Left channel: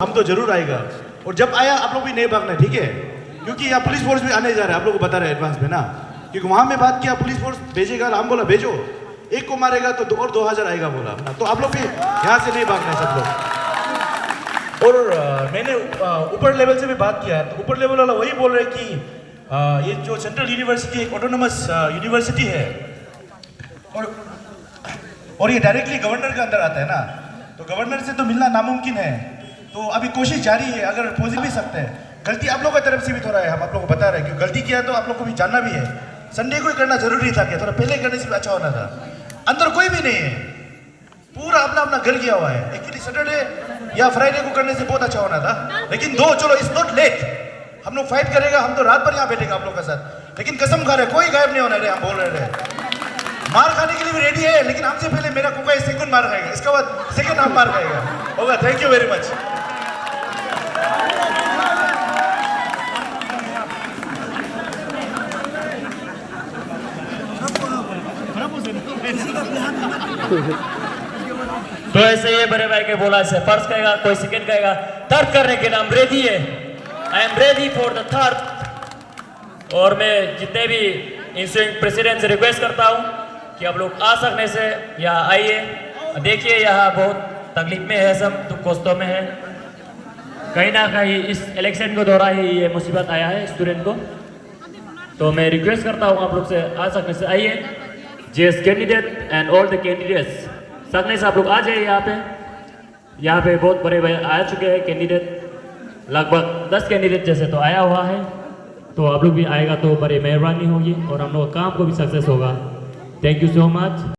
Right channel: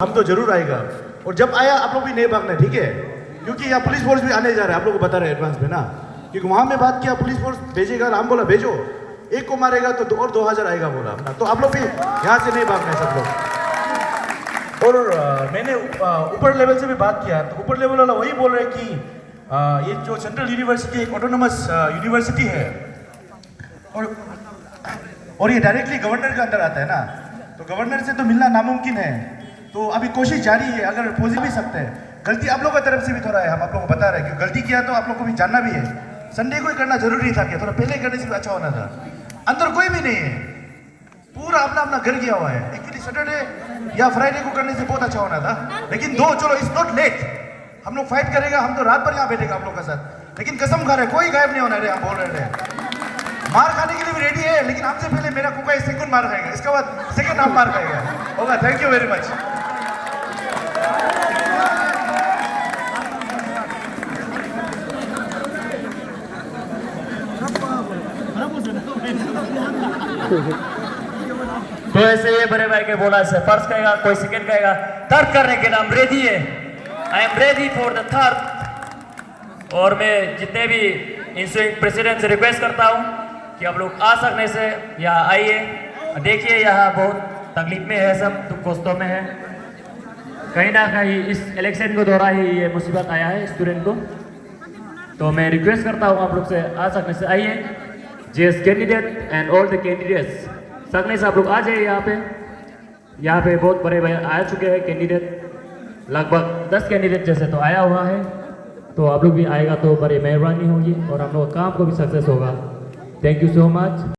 हम तो जरूर आएगा। और जब आया आप लोग भी नहीं भागना, ठीक है? क्योंकि यहाँ पुलिस फोर्स भी आने जा रहा है, आप लोग को बता रहे एडवांस में ना। क्योंकि वहाँ में बात किया पुलिस फोर्स भेजेगा, हम बोला भेजो, एक को मारेगा तो और 2000 आएगा बोला अपना। तो आप लोग भी यहाँ से नहीं भागना सब लोग। और मैंने ऊपर लेवल से भी बात किया, तो ऊपर लेवल वाला वही बोल रहे कि ये जो सेंट्रल यूनिवर्सिटी एक ऑटोनोमस यूनिवर्सिटी है और ये डायरेक्टली गवर्नर के अंदर आता है ना, तो गवर्नर से तो मिलना नामुमकिन है। तो अभी कोशिश जारी है, अगर पहुंच भी सकते हैं। गलती आप लोगों की तरफ से भी थोड़ा है, हम आप लोगों को बता रहे हैं कि गलती किया तो आप लोग को भी जानना भी है। संडे को ही करना जरूरी था, कि थोड़ा पहले करने से भी अच्छा होना था। अंदर कोई भी नहीं है, पूरा अपना अपना घर गया हुआ है। एक्चुअली सैटरडे या फ्राइडे को करने से बहुत अच्छा होना था, लेकिन दो चलो इट्स नॉट लेट, हम लोग फाइट करेगा, हम तो रात भर यहाँ बैठेगा आप लोग के साथ। लेकिन कसम खा रहे कोई गायब नहीं होना रहे, हम बोल रहे हैं मार खाने के लिए भी रेडी है, लेकिन हमसे पहले मेरा कुका सेकंड मार खाएगा, इसके बाद सेकंड हम मार खाएगा होगा। Thank you very much. तो ऐसे ये बड़े भाई के बोला से फर्स्ट कहेगा, कोई सेकंड कहेगा, थर्ड करने के लिए हम रेडी है। I am ready for the third. और मैं जितने भी इंस्टिट्यूट प्रेसिडेंट से रिक्वेस्ट करता हूँ कि आप लोग आ सकने से यहाँ आइए। देखिए यहाँ बहुत तकलीफ में है, सब दुख कष्टों में है। कहीं ना कहीं इस इलेक्शन को दौरान ही ये मुसीबत आया है स्टूडेंट को। तो मैं रिक्वेस्ट करता हूँ आप लोग से आ सकने से आइए। JS candidate and all the candidates सकने से आप लोग आ जाइए यहाँ पे बहुत बड़े बड़े आ चुके हैं कैंडिडेट, लगभग 10 कैंडिडेट जैसे तो आया हुआ है। तो आप लोग भी आएगा तो बड़ी मेहरबानी होगी और हम लोग काम को भी सक्सेस होगा। Thank you so much.